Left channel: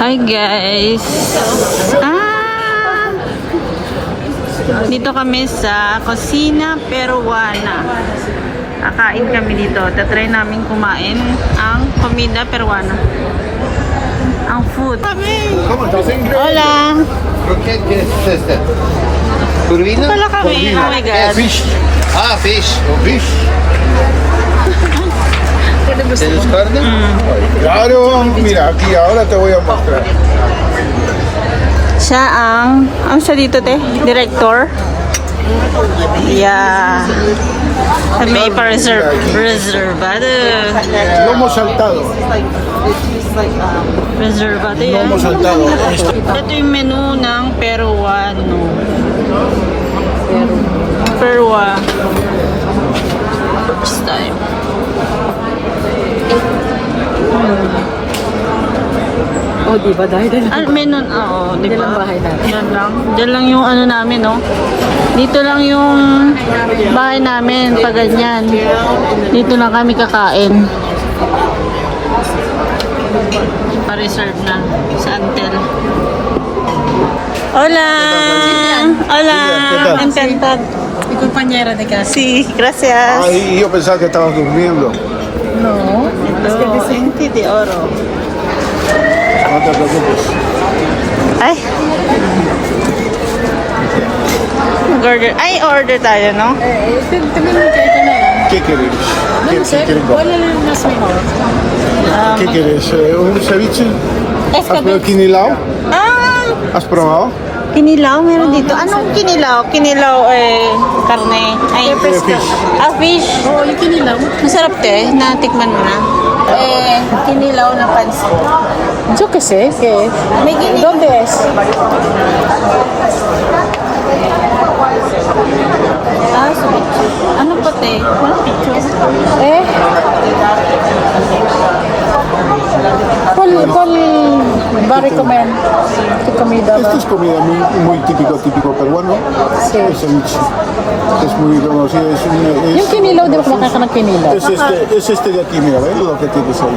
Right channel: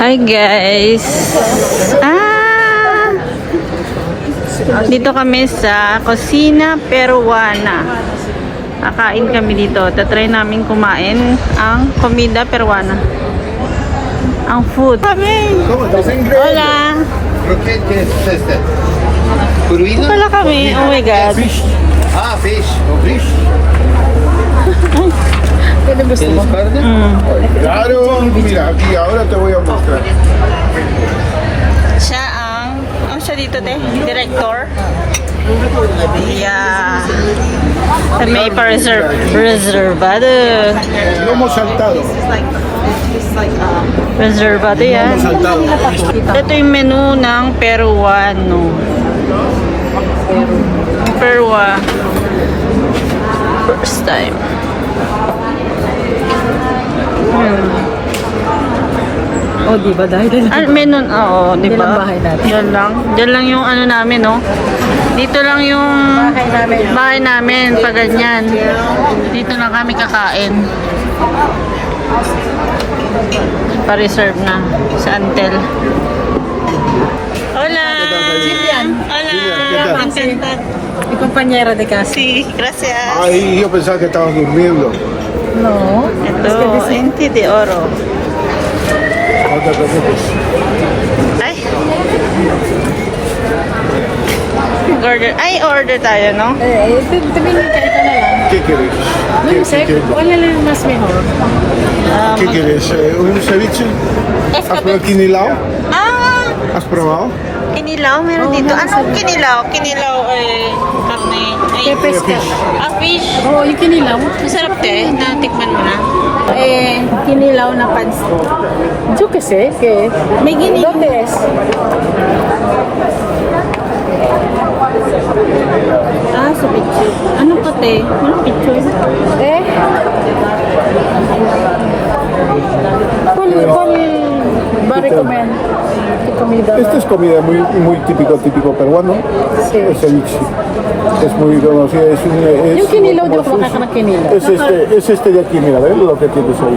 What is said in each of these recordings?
Hi guys! Dito kami sa Cocina Peruana. Kakain kami dito. Tatry namin kumain ang comida peruana. Ang food. Hola! Ito pala kami. Oh my God. Fish. Ah, fish. Fish. ¿Tienes carne? Claro, mira, aquí ahora te voy a mostrar. Siya ang siya dito te? Director? Yeah. May reservado. Lomo saltado. Reservado yan. Lomo saltado. Ito yung menu ng Peruano. Perua. First time. Oh, di ba? Dahil Menu, oo, di ba? Yan ang bahay natin. Diyan lang yung ano namin, no? Dito lang yung bahay namin, pag ganyan. Dito na kami kakain. Pa-reserve na sa Antel. Hola! Hola! Contenta. Mi compañero de casa. Sí, gracias. Ay, yo pensaba que estabas durmiendo. No. Ito, enti de oro. No te preocupes. Ay! Mag-order. Ay, order tayo, no? Tingnan mo ito na lang. ¿Qué querés? No sé, ¿cuál es el más mejor? ¿Qué querés? ¿Un ceviche? Es ¿Has probado el quinilao? Ah! ¿Has probado? Kinilaw, meron dito. Anong kinilaw? Kinilaw, karne. Ay, Fish. fish. Oh, yung kinilaw. Masarap te. Natikman mo na. Kinilaw na pansit. Yo qué sé, ¿qué es? May ginilaw. ¿Dónde es? Sa picture. Ano pa te? Walang picture. ¿Eh? ¿Cuál va a recomendar tu comida? Esta es comida muy típico peruano. Sí. El ceviche. Es muy conocido. Yung kinilaw, di ba ka ng kinilaw? Es este de aquí, mira, ¿ves lo que tienes ahí?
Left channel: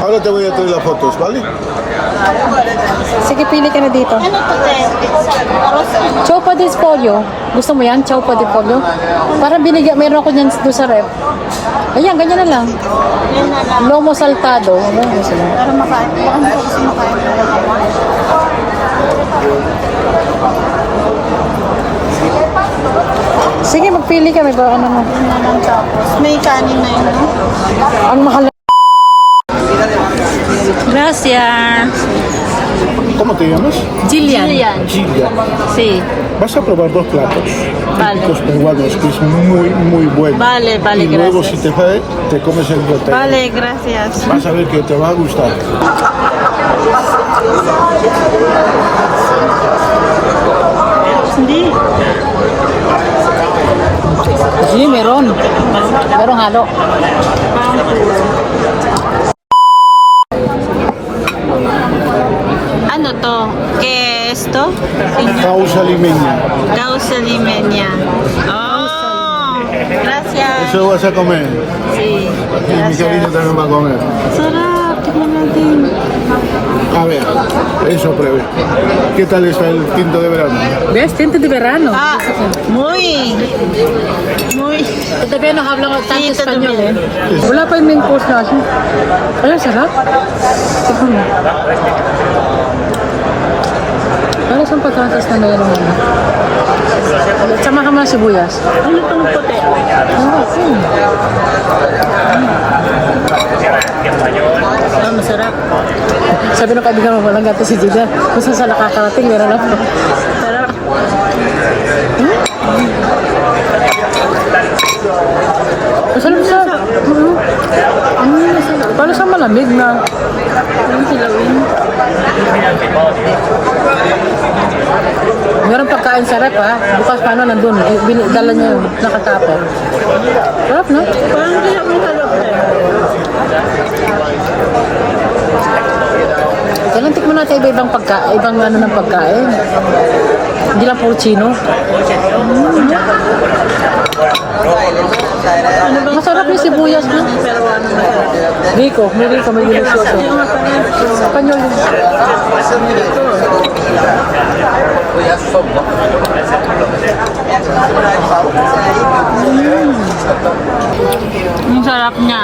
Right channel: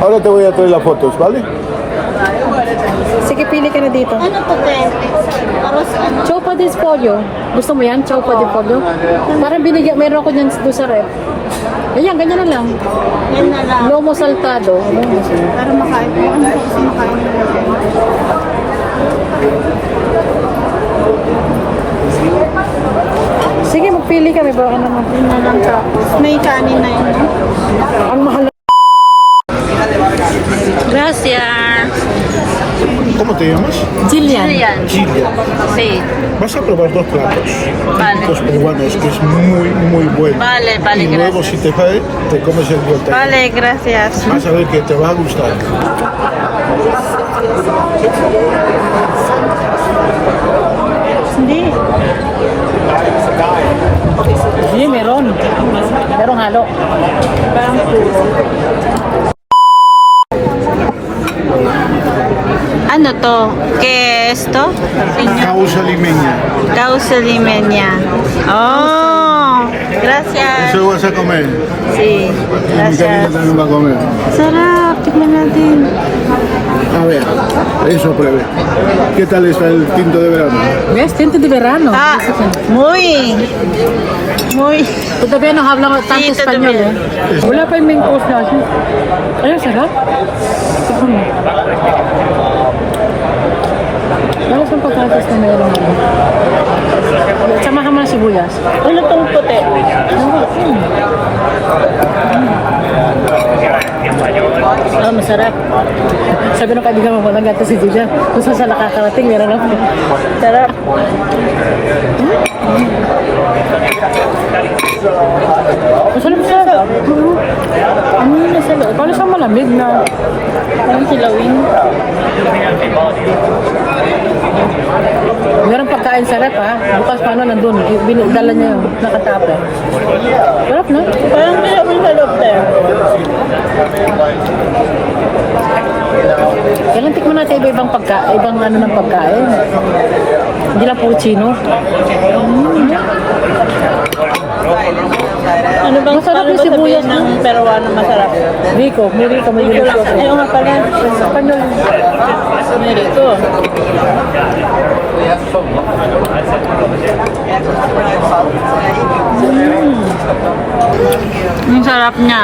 Ahora te voy a traer las fotos, ¿vale? Sige, pili ka na dito. Ano to te? Aros ano? Chopa de pollo. Gusto mo yan? Chopa de pollo? Parang binigyan, meron ako dyan doon sa ref. Ayan, ganyan na lang. Yan na lang. Lomo saltado. Para makain. Baka hindi ko kasi makain ng mga ako. Sige, magpili ka. Ano mo. Yun na lang tapos. May kanin na yun, no? Ang mahal. Gracias. ¿Cómo te llamas? Jillian. Yan. Gilia. Sí. Vas a probar dos platos Vale. típicos peruanos, que es muy bueno. Vale, Y luego, gracias. si te sale, te comes el bote. Vale, gracias. Vas a ver que te va a gustar. Hindi. Sige, meron. Merong halo. Parang puro. Ano to? Queso? Causa limeña. Causa limeña. Oh, gracias. Eso vas a comer. Sí, Mi cariño gracias. también va a comer. Sarap. Tignan natin. A ver, eso pruebe. ¿Qué tal está el tinto de verano? ¿Ves? Tinto de verano. Ah, muy. Todavía no habla tanto Sí, español, todavía. eh. Wala pa yung main course natin. Ay, sarap. Tignan mo. Para sa patatas na meron ano. Sama ka mga sibuyas. Ano tong puti? Oh, masarap. Sabi ng kaibigan mo, walang gato si Julia. Kung saan sa nakakarating, meron ako. Sarap. Masarap siya. Ano yung nasa loob? Para sa malamig na. Parang silawin. Meron pagkain sa rep ha. Bukas paano nandun. Dala niya yung nakatapper. Sarap no? Parang silawin sa loob tayo. Kailan tikman natin iba-ibang ibang ano ng pagkain. Hindi lang puro chino. Ano Ano bang Masarap yung sibuyas ng Peruano masarap? Rico, may Rico, may delicioso. Ayaw nga pala. Espanyol. Ito. Ang sarap niya.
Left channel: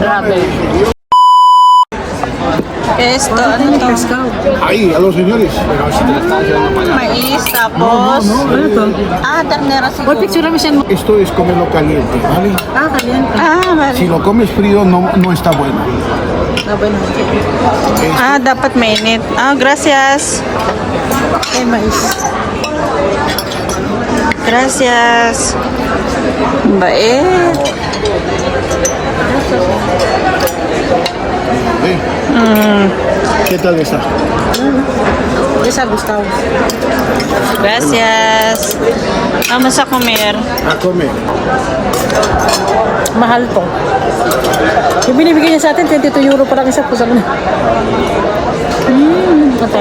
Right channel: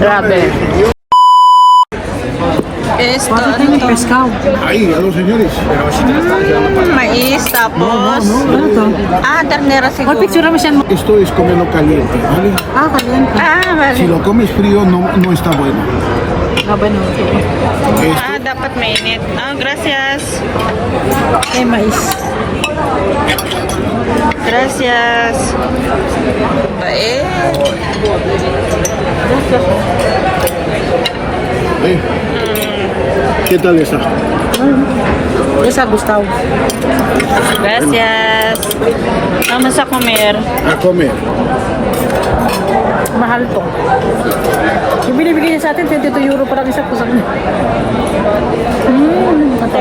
Grabe. Esto, ano to? Pescado. Ahí, a los señores. Mais, tapos... Ano to? Ternera siguro. Picture mo siya. Esto es comerlo caliente, ¿vale? Caliente. Si Vale. lo comes frío no está bueno. Bueno. Dapat mainit. Gracias. Eh, mais. Gracias. Bait. ¿Eh? ¿Qué tal está? Esa Gustavo. Gracias. Vamos a comer. A comer. Mahal to. Yung binibigay niya sa atin, 22 euro parang isa po sa kanya. Ito.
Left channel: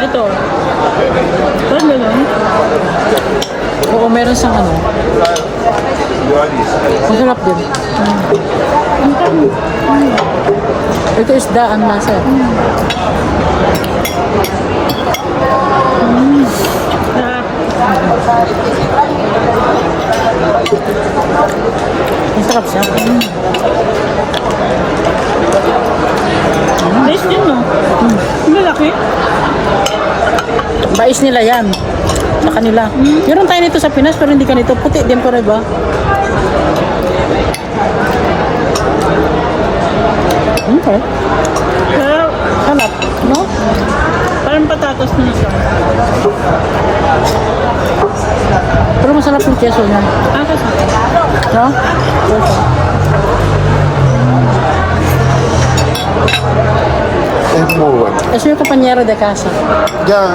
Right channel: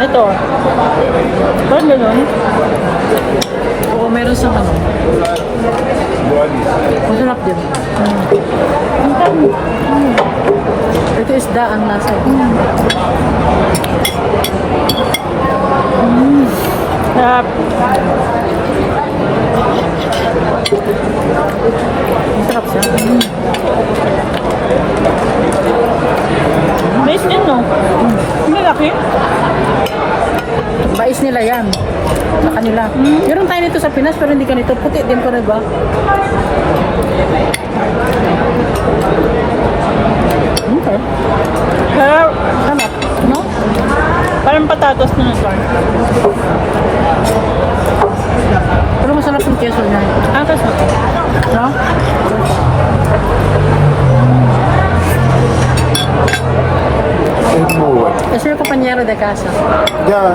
Ito. Paano nun? Oo, meron siyang ano. Masarap din. Ito isda ang lasa. Sarap. Ang sarap siya. Nice din, no? Malaki. Mais nila yan. Sa kanila. Meron tayo nito sa Pinas pero hindi ganito. Puti din po rin ba? Okay. Sarap. Hanap. No? Parang patatos na ito. Pero masarap yung keso niya. Kasi. No? Okay. Es muy bueno. Es mi compañero de casa. Ya,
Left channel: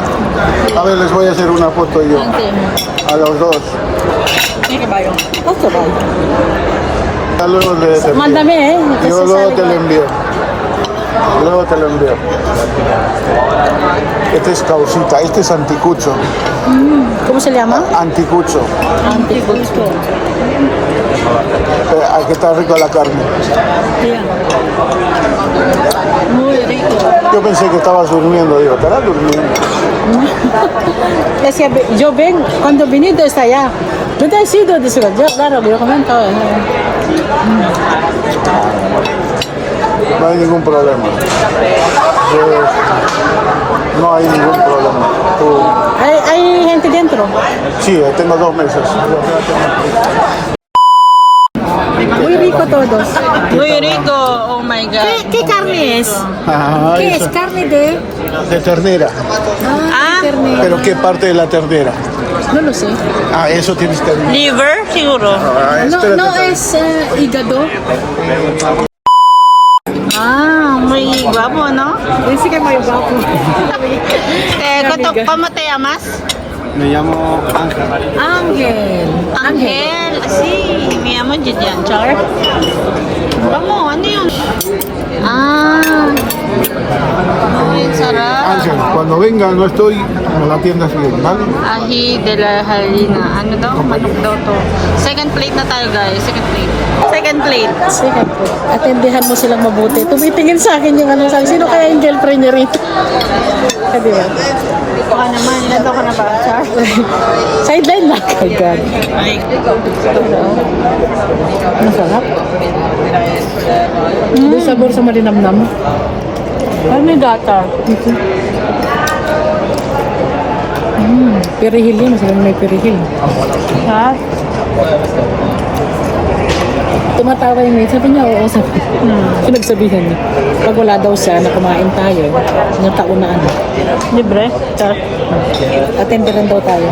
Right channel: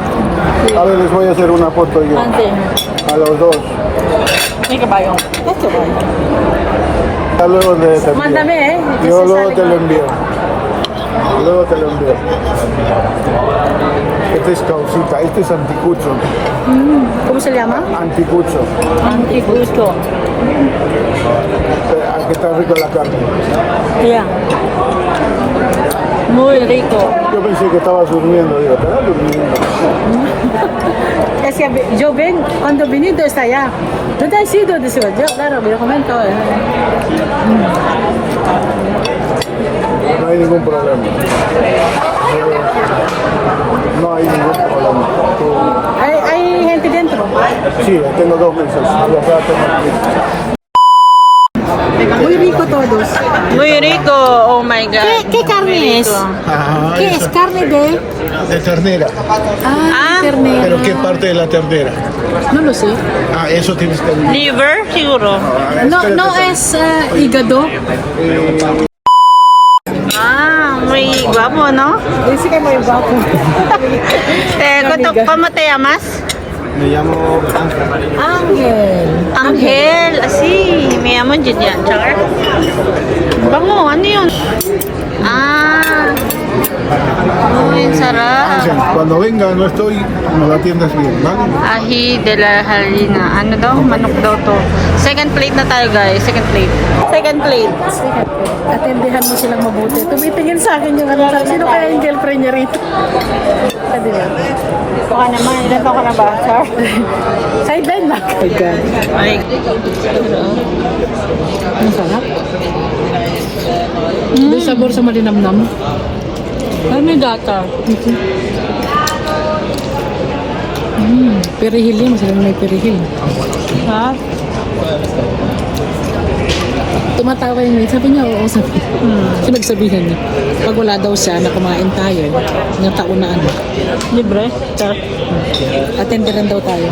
a ver, les voy a hacer una foto yo. Ante mo. A los dos. May kabayo. Ito ba? Ya luego te envío. Mándame Yo luego sale te lo mal. envío. Luego te lo envío. Este es causita, este es anticucho. ¿Cómo se llama? Anticucho. Anticucho. Aquí está rico la carne. Yeah. Muy rico. Yo pensé que estabas durmiendo, digo, estarás durmiendo. Es que yo ven, cuando venido está allá. ¿Dónde has ido? Dice, yo, claro, me lo comento. No hay ningún problema. No hay ningún problema. Tú- ¿Hay gente dentro? Sí, tengo 2 meses. O sea, Muy rico todos. Muy rico. Oh my God. ¿Qué carne es? Ah, ¿Qué es? ¿Carne de? de ternera. Ternera. ¿Pero qué parte de la ternera? No lo sé. Ah, eso tienes que ver. Liver, siguro. Ah, No, espérate, no es hígado. Muy guapo, ¿no? Dice que muy guapo. ¿Cómo te llamas? Me llamo Ángel. Ángel. Angel. Sí, me llamo Julian. Char. Bango, ano yun? Ay, sarap. Ángel, cuando venga no estoy, nos la atiendes bien, ¿vale? Ahi de la harina. Ano daw? Manok daw to. Second plate na tayo, guys. Second plate. Second plate. Sige po. Atendihan mo silang mabuti. Tumitingin sa akin yung ano sa sino kaya yung girlfriend niya rito? Hindi ba? Baka naman. Ilan taon ka na ba, Char? Sideline lang. Oh my God. Ay. Masarap. Doon sabor sa malinamnam. Ano yung data? Perihil yun. Masarap may perihil. Ha? Tumatawa yung maid. Sabi niya, oo, sabi. So nagsabihan niya. Pag wala daw siya na kumain tayo, yung taon na ano, Libre? Char. attenderan daw tayo.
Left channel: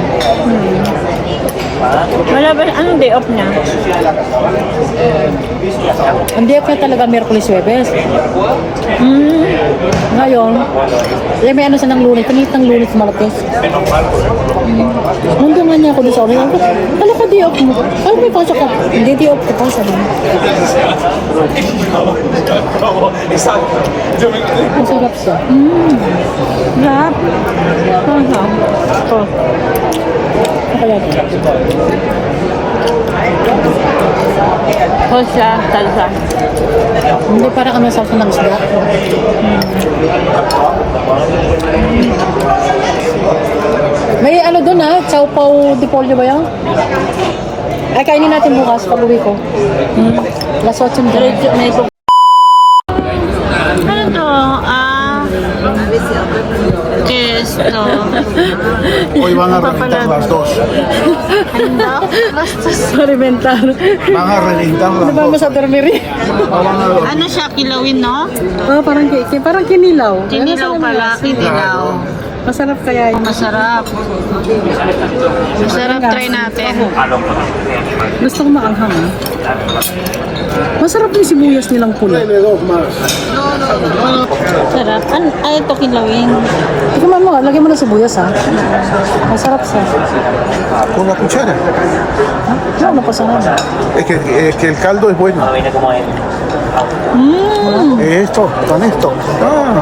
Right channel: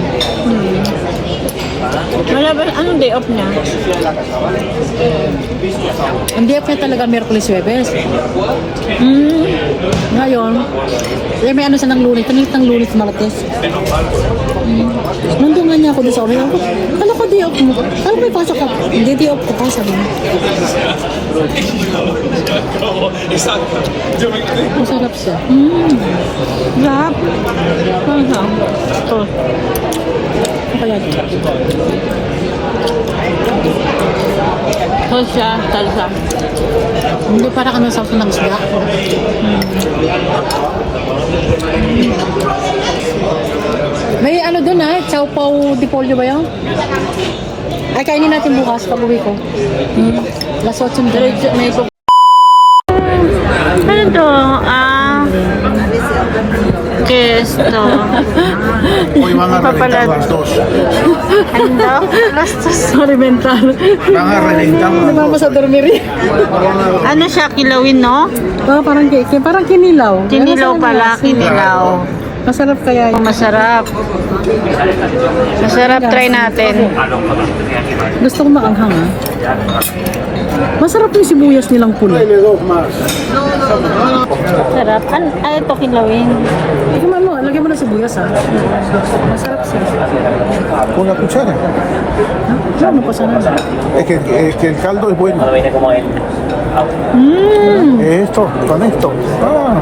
Wala ba? Anong day off niya? Hindi pa talaga Miyerkules Huwebes. Ngayon, may ano siya ng Lunes. Pinilit ng Lunes Martes. Nandun nga niya ako doon sa orin. Ako, kala ko di off mo. Kala may pasok ka. Hindi di off ko pa sabi mo. Masarap siya. Sarap. Sarap. Oh. kaya ito? Hosya, salsa. Hindi, parang ano sauce ng isda. May ano doon ha? Chow Pao de Pollo ba yan? Ay, kainin natin bukas pag uwi ko. Las 8 na. Diretso, may ito. Ano to? Kesto. Hoy van a Papalad. reventar las dos. Handok. Lastos. Sorry, mental. Van a reventar las Ano ba sa dormiri? Ano siya, kilawin, no? Oh, parang kinilaw. Kinilaw pala, kinilaw. Masarap kaya yun. Masarap. Masarap, try natin. Gusto ko maanghang. Masarap yung sibuyas nilang pula. Dale dos más. Sarap. Ano ito, kilawin? Ikaw mo, lagyan mo na sibuyas ha. Masarap siya. Con la cuchara. Ano pa sana? Es que el caldo es bueno. Esto, con esto. Ah,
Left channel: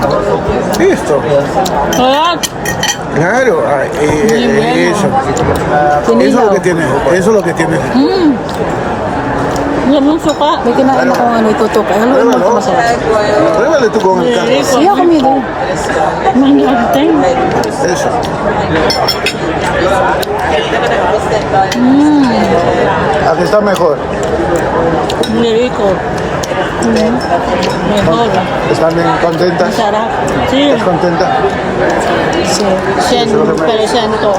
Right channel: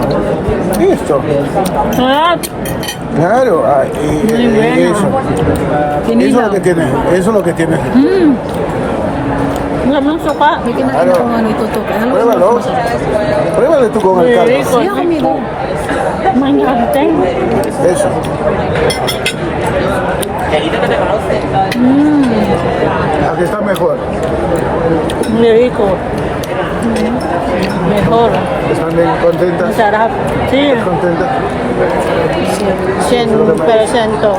esto. Sarap. Claro, eso. Eso es lo que tiene. Eso es lo que tiene. Sarap ng suka. May kinain akong ano itutok. Ay, haluin mo Pruébalo. ito masarap. Pruébale tú con el caldo. Siya kami doon. Manghagten. Eso. Aquí está mejor. Niriko. Mejor. ¿Están bien contentas? Masarap. Sí. ¿Estás contenta? Sen, pero sento.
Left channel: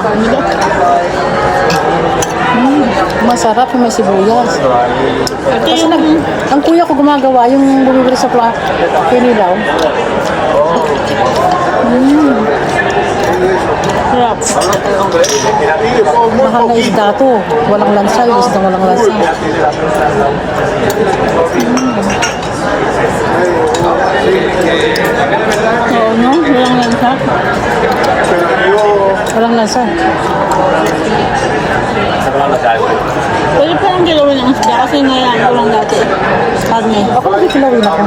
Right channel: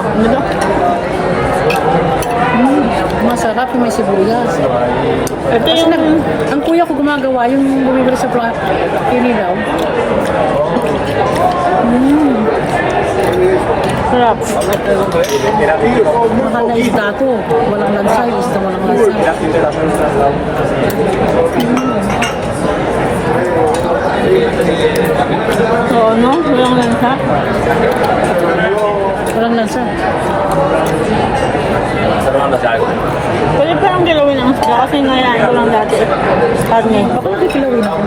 Masarap yung may sibuyas. Ito Kasi yung... ang kuya ko gumagawa, yung bumibili sa kinilaw. Sarap. Mahal na isda to. Walang lansa, yung isda walang lansa. Oo, no? Walang lansa. Walang lansa. Pwede pa lang kilawin ang isda kasi ngayaan ko lang dati. Karne. Ako nagkikilawin ako.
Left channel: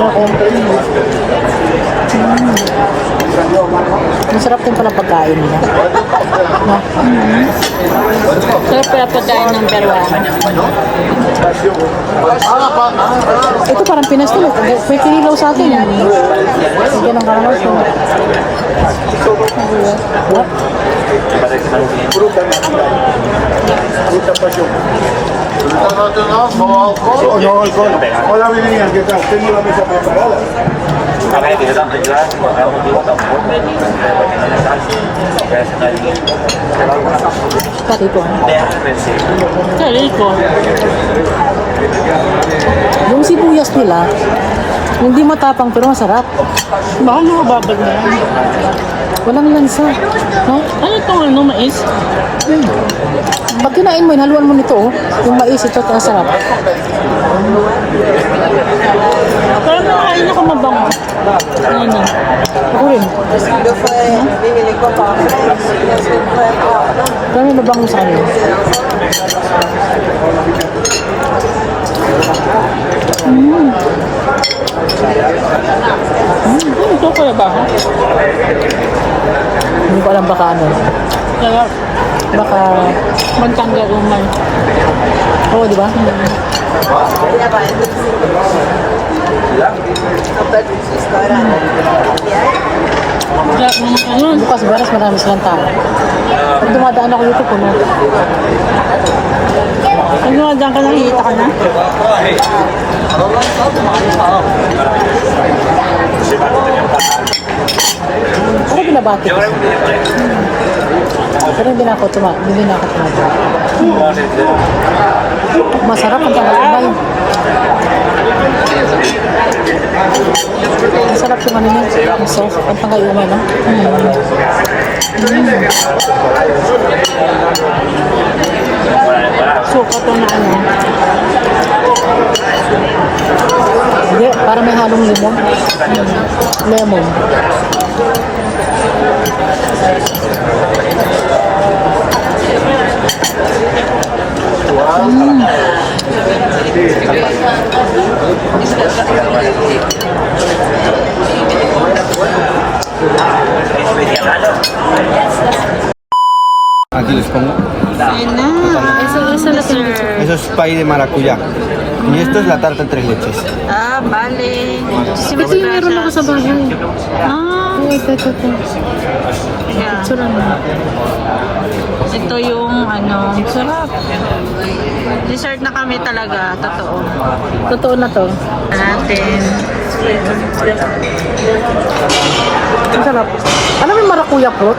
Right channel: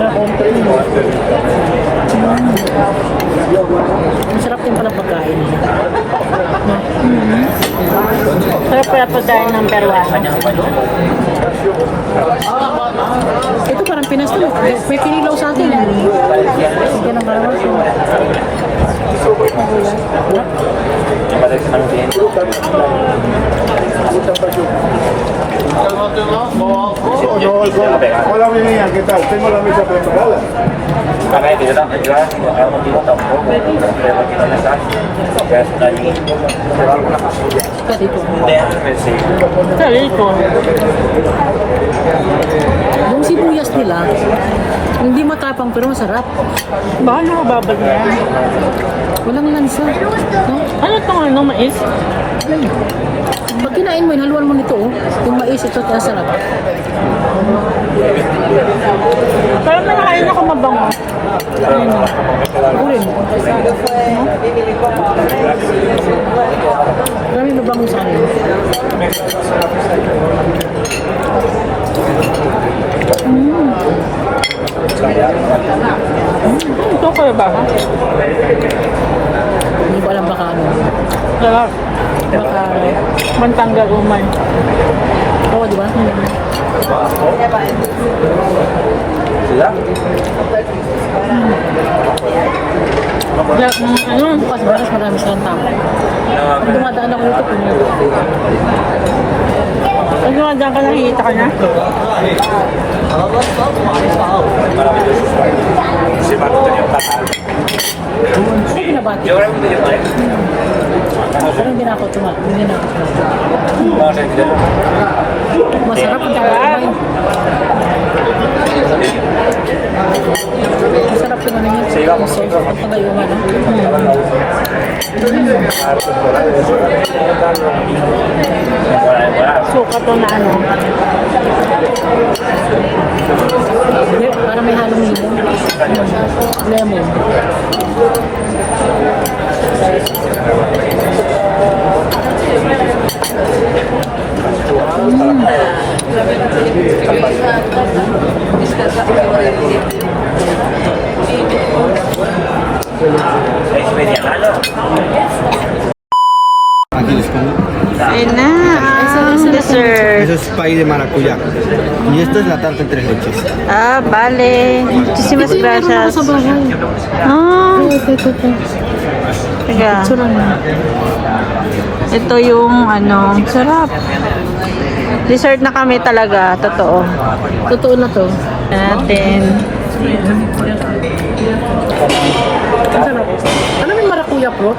Ako. Masarap din pala pagkain nila. No? Sarap pala pagkain ng Peruano. Ito parang Pinas to. May kinilaw sa atin. Ito ng karamay. Hola, mi niña, ¿qué tal? Tengo la mesa preparada. Dito. Sariko. Yung sibuyas nila, hindi matapang pero masarap. Baka nakababag na yan. Walang lansa. No? Ano itong ano, mais? Pag kinain mo yun, haluan mo nito. Oh. Yung mais, ito masarap. Parang nakakain ako mabango. Ayun na. Ako rin. No? Pero may mabango sa kanila. Ito ko na ba? Hindi ko alam baka ano. Sarap. Baka, Bantanggal umay. oo, di ba? Sarap ng ano. Bukas, baras, marami silang tao. Pag dumadaan ako dito, puno. Pag dumadaan ka, nakikita ka na. Ano binabati ko? Pero hindi na ako tumabi. Masarap ang tagay. Masarap yung ano niya. Ang sauce. Ang tagay umay, no? Suka to na ano. Hindi, parang may halong limon. Lemon. Aquí les pongo. Ayun na. Dessert. Eso es pay de maracuyá. Y esto es la tarta tres leches. Ah, vale. Muchísimas Ito yung meron ako gracias. sa bahay. Ah, Ito. teka. Ito lang. Ito yung ano, sarap. Dessert na kami talaga, totoo. Totoo na to. Natin. Ang sarap. Ano may marakuya fruit?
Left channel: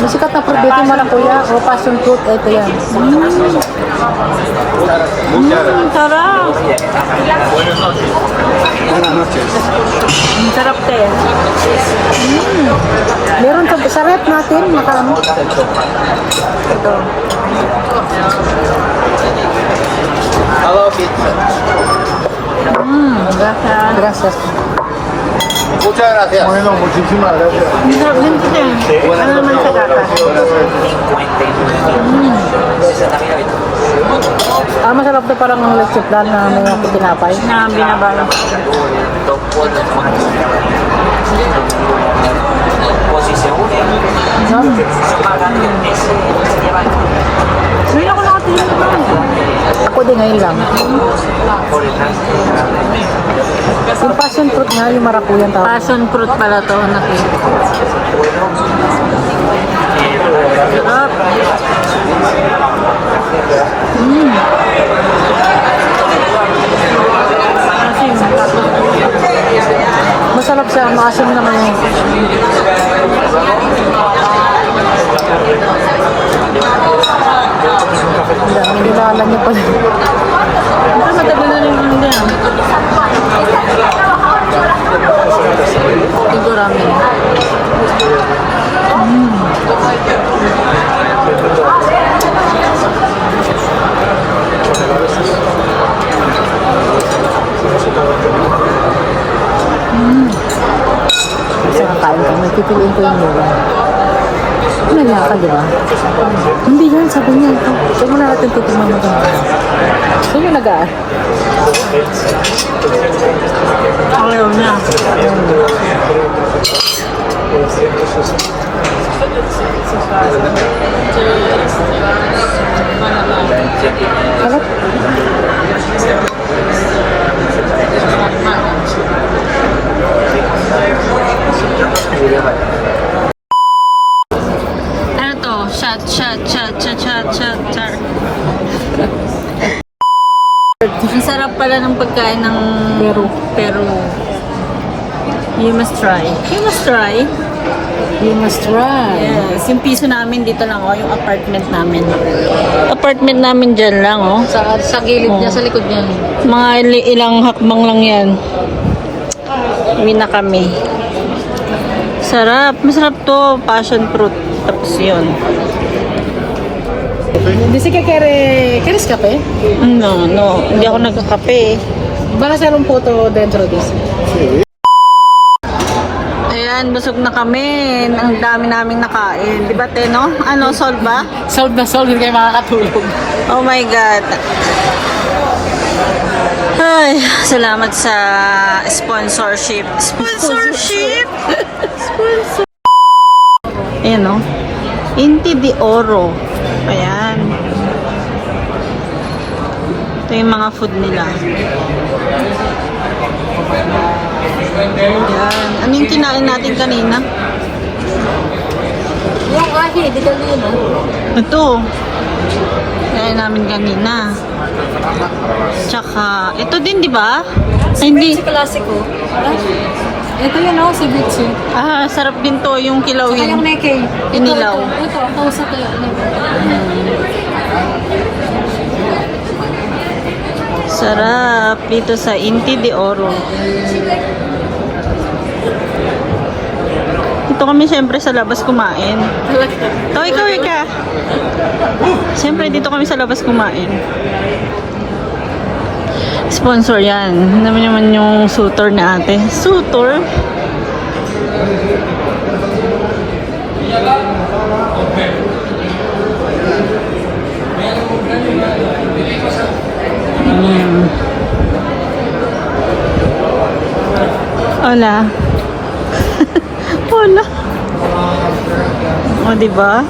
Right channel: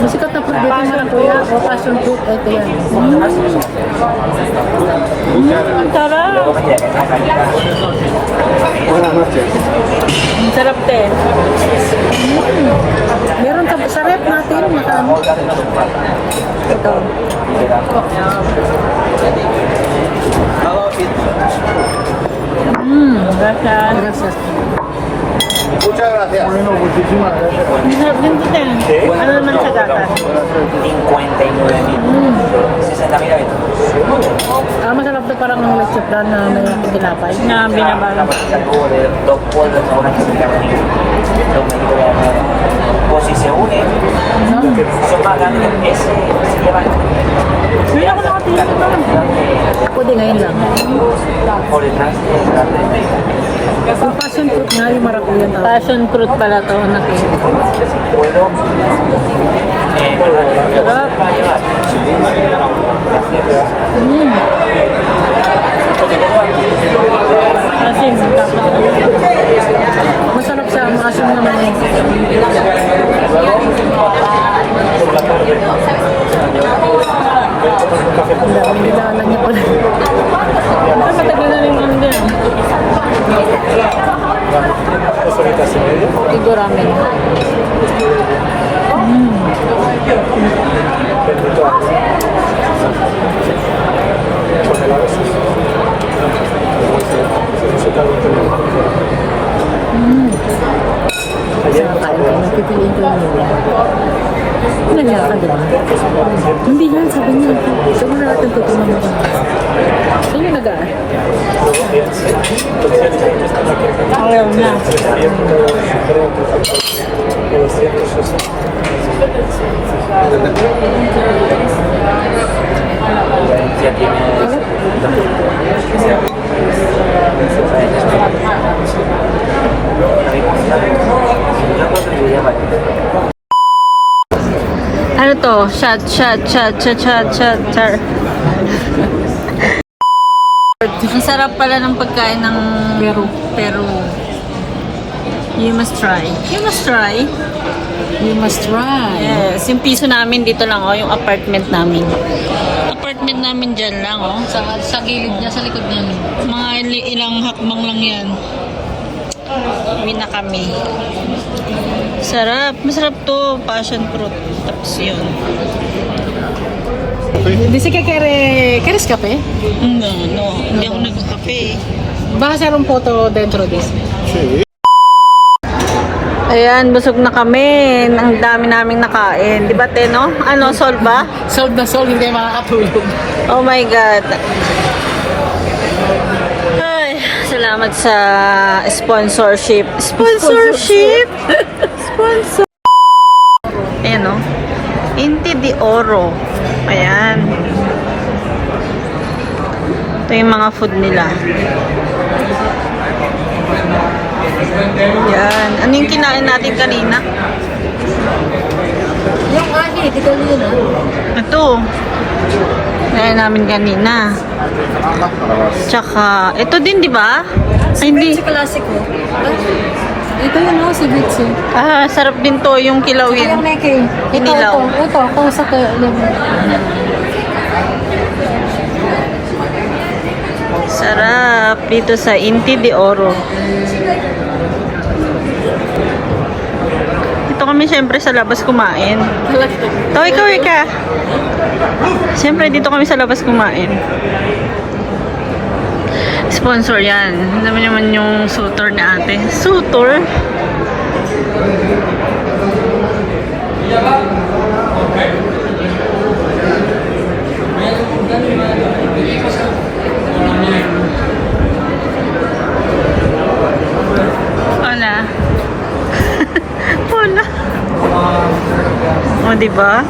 May sikat na fruit dito yung marakuya o passion fruit. Ito yan. Sarap. Ang sarap to. Meron ka sa rep natin, makaano. Ito. Gracias. Muchas gracias. Bueno, muchísimas gracias. Ano naman sa gata? Masarap to parang ang leche plan na may tinapay. Na binabaw. Hindi ako nakatingin ito. Ako din ngayon lang. Yung passion fruit nga, yung marakuya ang tawag. Passion fruit pala to, natin. Sarap. Asin, tapos Masarap siya, maasim naman yun. Ang nilala niya pala. Ito, matagal na rin ang ganyan. Ito ramen. Kasi nakain ka, napipiliin ko yung mula. Nala ka, di ba? Hindi yan, sabi niya. Sabi mo na natin titignan mo doon. Saan yung nagaan? Ayaw niya. Ano? Ano to? Shot. Ang sarap pala ng pagkain ng Peru. You must try. You must try. You must try. Yes. Yung piso namin dito lang, oh. Yung apartment namin. Apartment namin dyan lang, oh. Sa gilid niya, sa likod niya. Mga ilang hakbang lang yan. Uwi na kami. Sarap. Masarap to. Passion fruit. Tapos yun. Dice que ¿quieres café? No. Hindi ako nagkakape. Vas a hacer un foto dentro, dice. Ayan, busog na kami. Ang dami naming nakain. Di ba, te, no? Ano, solve ba? Solve na solve, hindi kayo makakatulog. Oh my God. Ay, salamat sa sponsorship. Sponsorship? Sponsor. Ayan, no? Inti de Oro. Ayan. Ito yung mga food nila. Yan. Ano yung kinain natin kanina? Yung ahi, di ka yun, Ito. Kinain namin kanina. Tsaka, ito din, di ba? Ay, hindi. Classico. Ito yun, oh, si Bitsi. Ah, sarap din to, yung kilaw Saka yung yun. neke. Inilaw. Ito, kausap ka. Sarap dito sa Inti de Oro. Ito kami siyempre sa labas kumain. Ito, ikaw, Rika. Siyempre dito kami sa labas kumain. Sponsor yan. Naman yung sutor na ate. Sutor? 'di ba?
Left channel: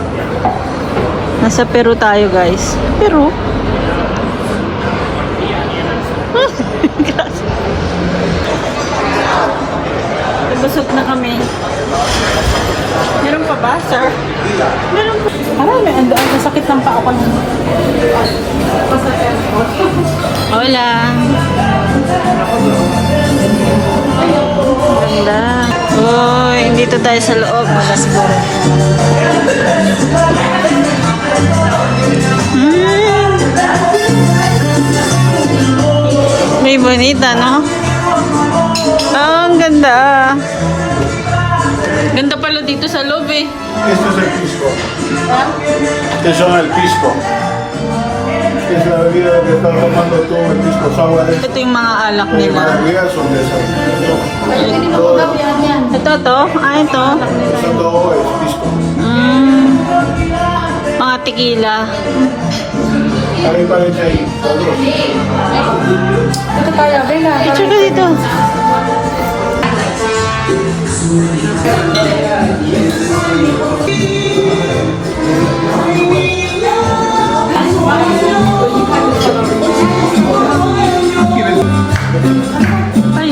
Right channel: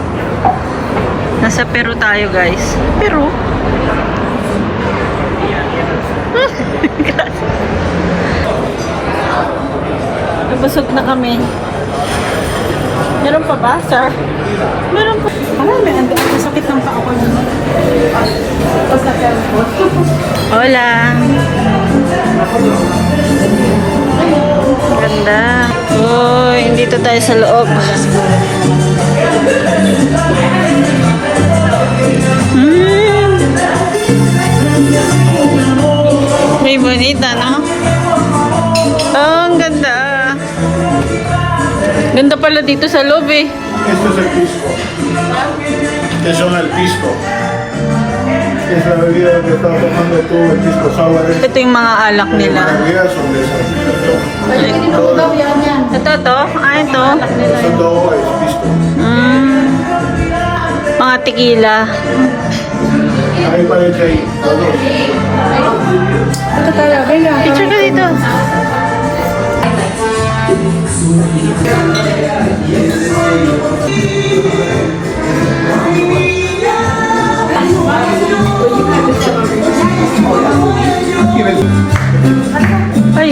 Nasa Peru tayo, guys. Peru? Nabusog na kami. Meron pa ba, sir? Meron pa. Marami, ang sakit ng paa ko nung Hola. Ganda. Uy, dito tayo sa loob. May bonita, no? Ah, ang ganda. Ganda pala dito sa loob eh. Esto es el Pisco. Este son el Pisco. Es la bebida que está tomando tú, el Pisco Sour. Es Ito yung mga alak nila. bebidas son de esas. Ito to? Ah, ito. Son todo es Pisco. Mga tequila. Ahí parece ahí. Ito tayo, venga. Picture ka dito. Ay.